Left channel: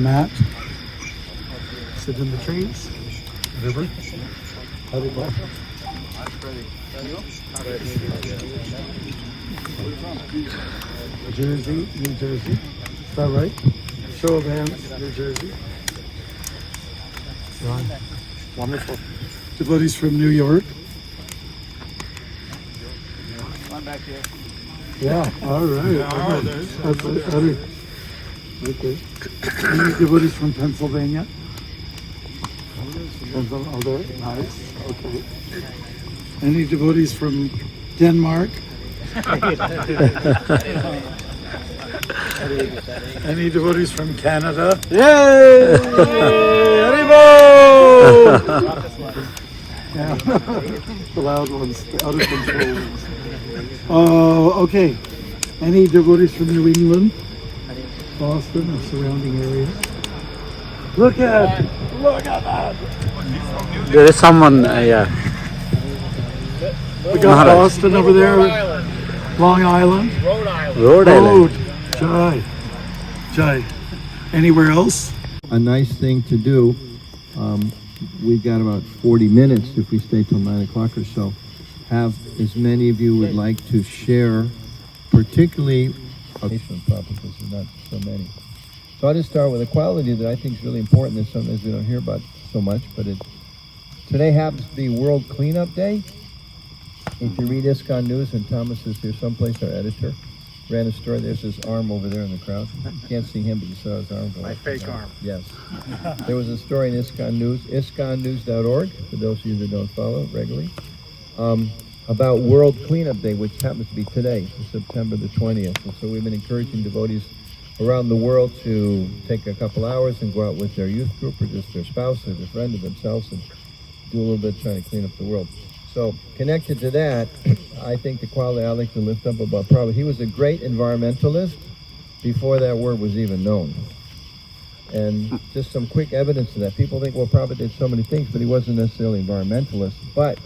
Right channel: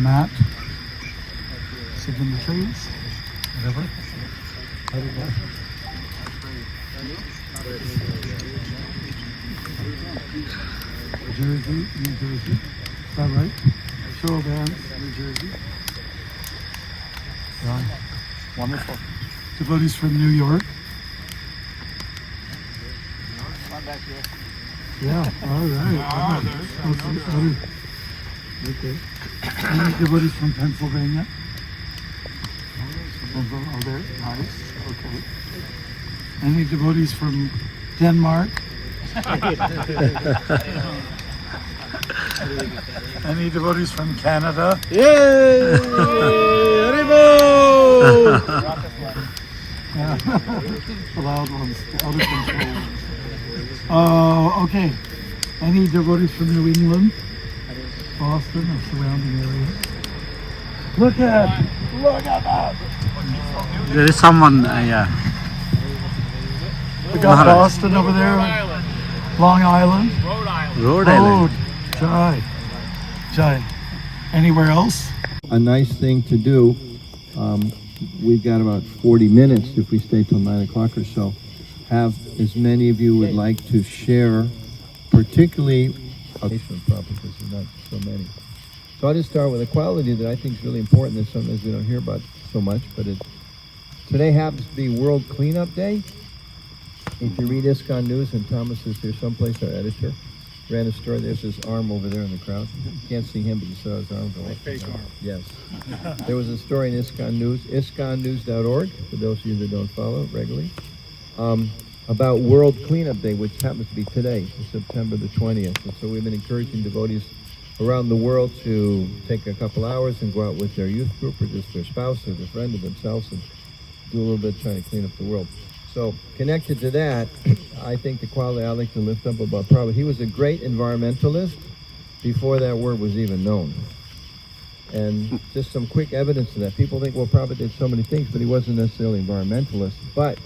a mat. Sit in the trees. Whatever. How did that? Jersey, New Jersey. Is that right? Show of hands, New Jersey. Yeah. Wonderful. Devotees from New York. One back here. Yeah, all right. Oh, there's That's okay. Any devotees from Pennsylvania? Oh, there. Nice. Okay. Any devotees from Denmark? Any devotees from Canada? Yay! Yeah. The loud ones, the out of control ones. Okay. Any devotees from New England? Boston or surrounding areas? Look at that! There is someone, yeah. We got Maharaj. Boston over there. Long Island. Rhode Island. Rhode Island. Jai. Jai. Anywhere else? A nice thing to do. We've got about 40 minutes if we stay till 9 o'clock or so. Have as many of you would like to share, particularly patient problems, because there's not so many. So I'll just start with a quality that I think is really important that sometimes we don't hear about so much, but today happens to be World Cleanup Day. If you read ISKCON News, and Thomas is here someplace, our editor, ran a story. There's his arm over there in the crowd. You can't see him, but you saw his arm going. My fake arm. Yes. There was a story in ISKCON News, ISKCONnews.org, for those of you that don't follow regularly, about World Cleanup Day, which happens to be today, September the 20th. And so we've been encouraging devotees around the world to take a couple hours and go out with their youth group or just their spouse or their friend or themselves and do a little bit trying to clean up the world. So connected to that, I think the quality I like to lift up about Prabhupada, he was a great environmentalist before that word was even known. And just some quick evidence of that. People think, well, Prabhupada did so many things, but he wasn't necessarily environmentalist. But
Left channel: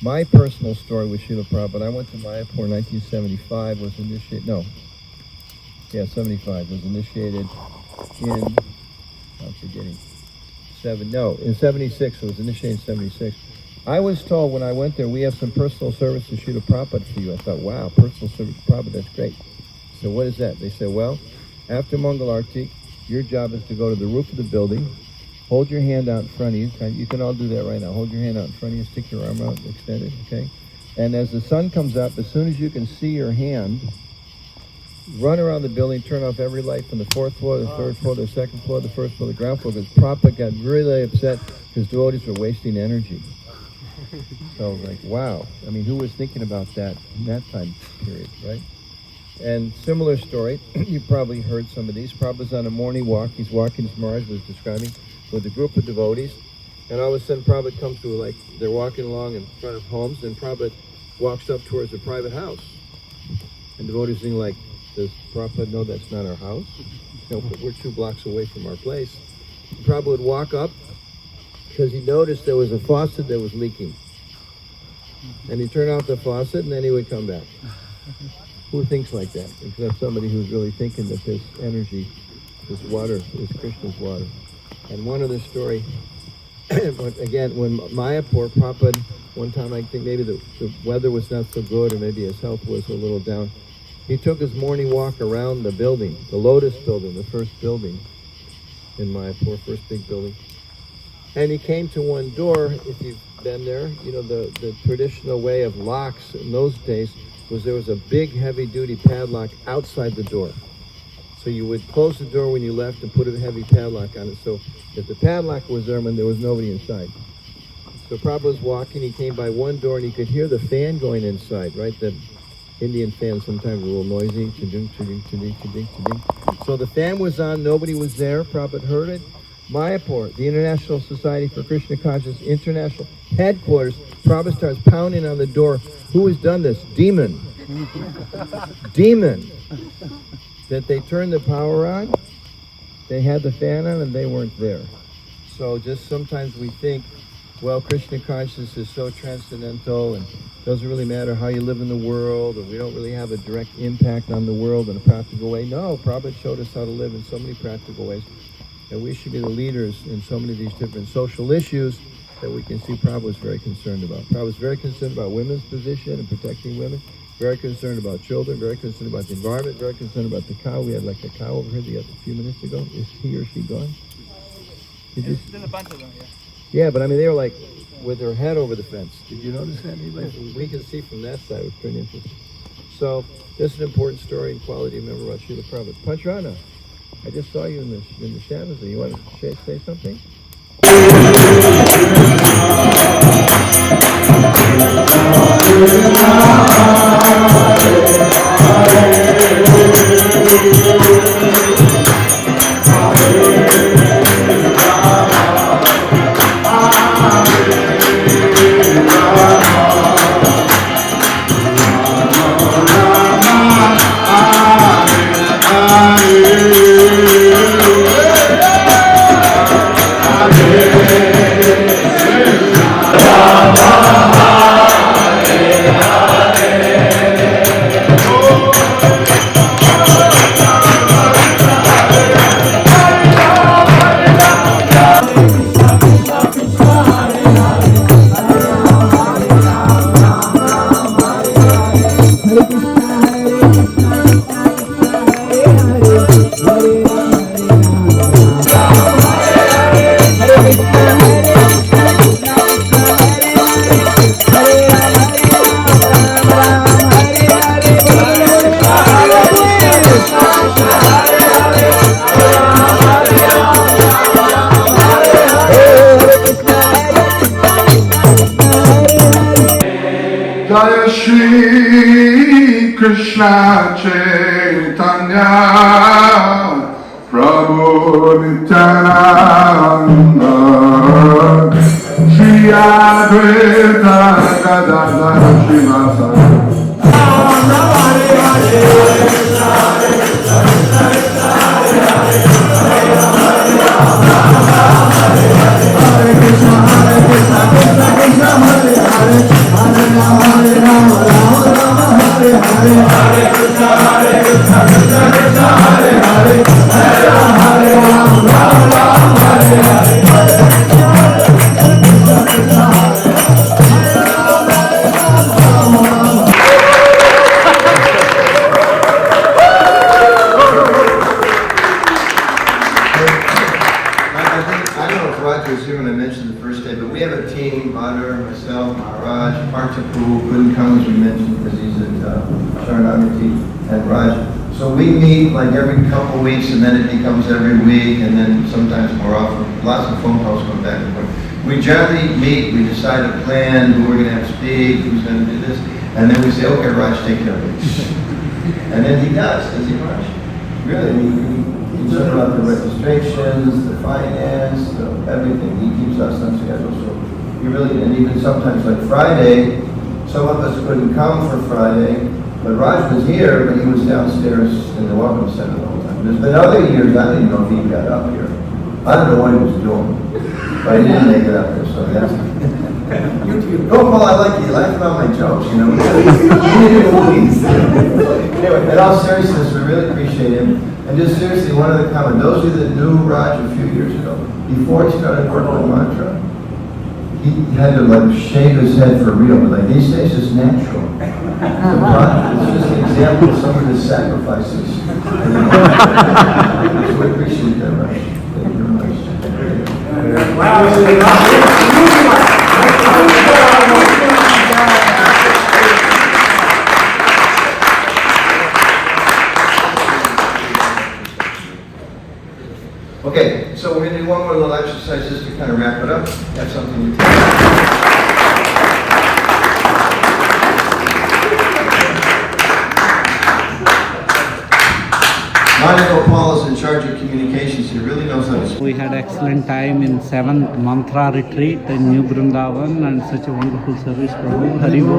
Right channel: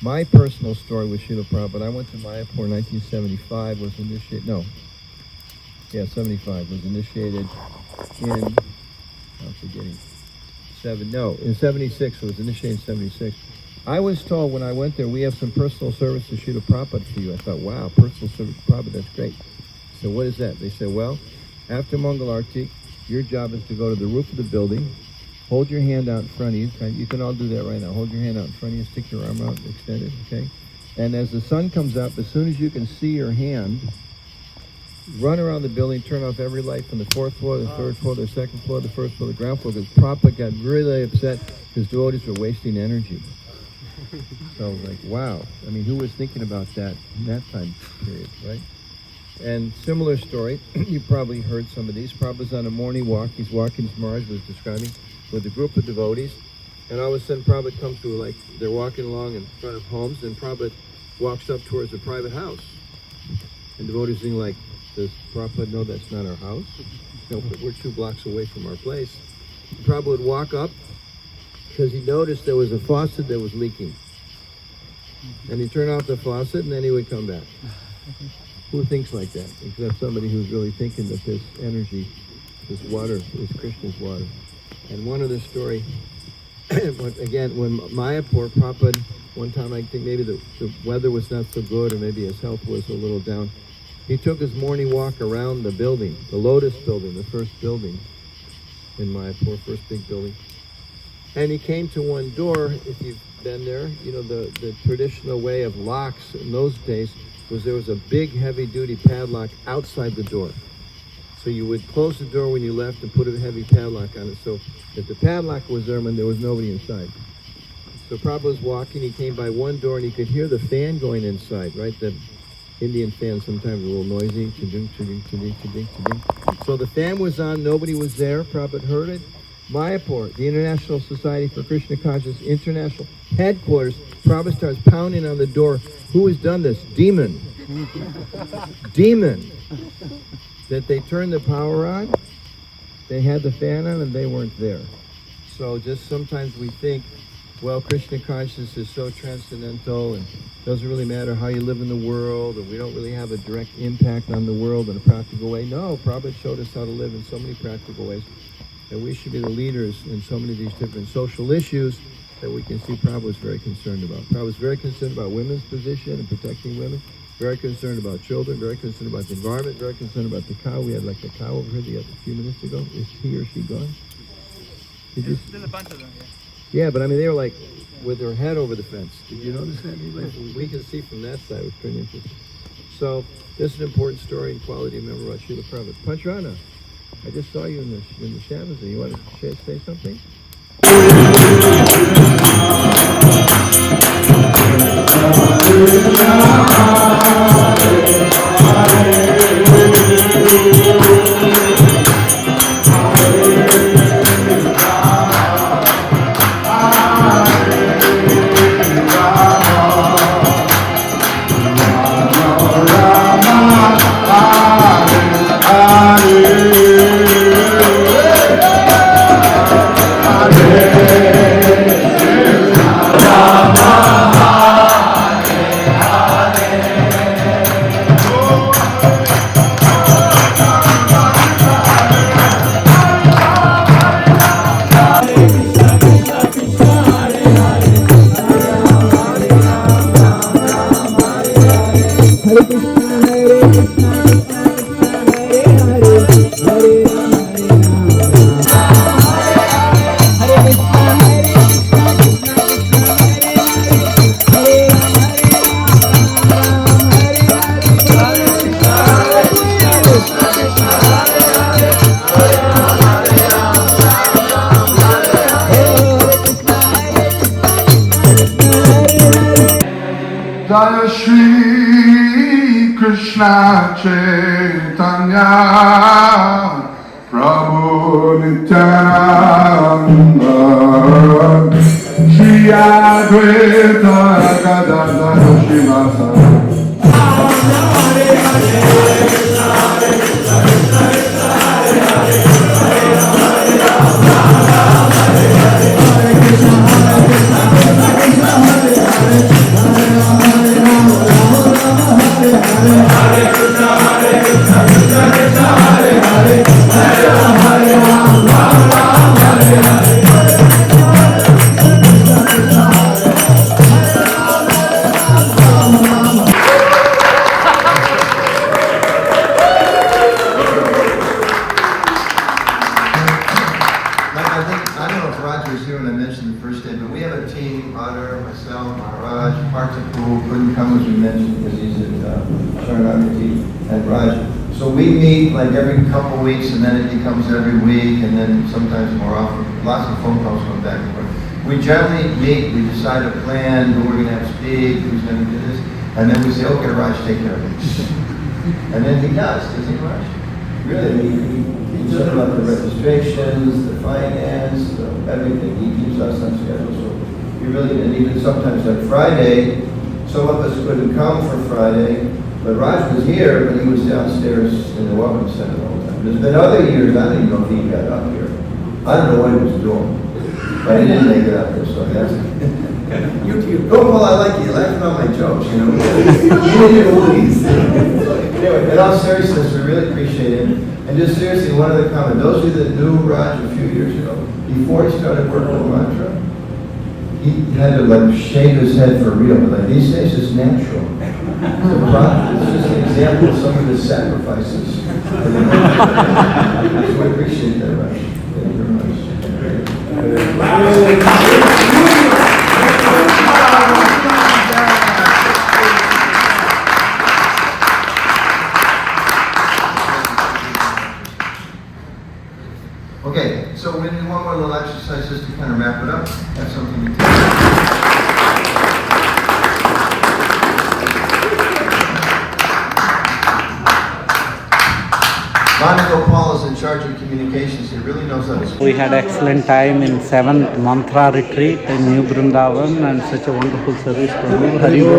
my personal story with Srila Prabhupada, I went to Mayapur in 1975, was initiated, 75, was initiated in, I'm forgetting, in 76, it was initiated in 76. I was told when I went there, we have some personal service to Srila Prabhupada for you. I thought, wow, personal service to Prabhupada, that's great. So what is that? They said, well, after Mangal Arti, your job is to go to the roof of the building, hold your hand out in front of you. You can all do that right now. Hold your hand out in front of you, stick your arm out, extend it, okay? And as the sun comes up, as soon as you can see your hand, run around the building, turn off every light from the 4th floor, the 3rd floor, the 2nd floor, the 1st floor, the ground floor, because Prabhupada got really upset because devotees were wasting energy. So I was like, wow. I mean, who was thinking about that in that time period, right? And similar story, you probably heard some of these. Prabhupada's on a morning walk. He's walking, as Maharaj was describing, with a group of devotees. And all of a sudden, Prabhupada comes to, like, they're walking along in front of homes, and Prabhupada walks up towards a private house. And devotees think, like, does Prabhupada know that's not our house? No, but we're 2 blocks away from our place. And Prabhupada would walk up, because he noticed there was a faucet that was leaking. And he'd turn off the faucet, and then he would come back. Who thinks like that? Except somebody who's really thinking that this energy, this water, is Krishna's water. And one other story, again, when Mayapur, Prabhupada, one time I think maybe the weather was not so good, or maybe his health was a little down, he took his morning walk around the building, the Lotus building, the first building in Mayapur, first big building. And he came to one door, if you've been there, you know, the traditional way of locks in those days was there was a big heavy-duty padlock outside the door. So you would close the door when you left and put a heavy padlock on it. So if the padlock was there, there was nobody inside. So Prabhupada was walking, he came by one door and he could hear the fan going inside, right? The Indian fan sometimes a little noisy. Cha-ding, cha-ding, cha-ding, cha-ding, cha-ding. So the fan was on, nobody was there, Prabhupada heard it. Mayapur, the International Society for Krishna Consciousness International Headquarters, Prabhupada starts pounding on the door. Who has done this? Demon. Demon. That they turned the power on, they had the fan on, and they weren't there. So just sometimes we think, well, Krishna consciousness is so transcendental and it doesn't really matter how you live in the world, or we don't really have a direct impact on the world in a practical way. No, Prabhupada showed us how to live in so many practical ways. And we should be the leaders in so many of these different social issues that we can see Prabhupada was very concerned about. Prabhupada was very concerned about women's position and protecting women, very concerned about children, very concerned about the environment, very concerned about the cow. We had like a cow over here a few minutes ago. Is he or she gone? There's a bunch of them, yeah. Yeah, but I mean, they were like with their head over the fence. Did you notice that? Anybody? We can see from that side. It was pretty interesting. So this is an important story and quality of memory about Srila Prabhupada. Panchrana, I just saw you in the shadows. You want to say something? Jai Shri Krishna Chaitanya Prabhu Nityananda Shri Advaita Gadadhara Srivasadi I don't know if Raj was here when I mentioned the first day, but we have a team, Badr, myself, Maharaj, Parthapu couldn't come as we mentioned because he's at Sharanagati, and Raj. So we meet like every couple of weeks, and then it becomes every week, and then sometimes more often. Lots of phone calls come back and forth. We generally meet, we decide a plan, who we're going to have speak, who's going to do this, and then we say, okay, Raj, take care of it. And then he does he, Raj? Really, he's talking about the registrations, the finance, everything. He keeps us on schedule. So he really, and even sometimes like Friday, some of us couldn't come for Friday, but Raj was here, but he was downstairs in the Welcome Center the whole time. There's been other years, I didn't know if he got up here. I don't know what he was doing, but he didn't make it up there, so that's YouTube. Oh, well, I like you laughing about my jokes, you know. Anyway, in all seriousness, we really appreciate him. And just seriously, one other comment. Those of you that knew Raj a few years ago, before he started working on mantra, he had to like shave his head for real, but like these days it's natural. It's just an example of some of his sacrifices. So we appreciate that, Raj. Thank you very much. Okay, so we're going to do one more little exercise just to kind of wrap it up. Have something to take. Monica Paul is in charge of communications. He really knows how to speak. We had excellent time in 7th mantra retreat in New Brindavan and such a wonderful service. Prabhu. Hari Bol.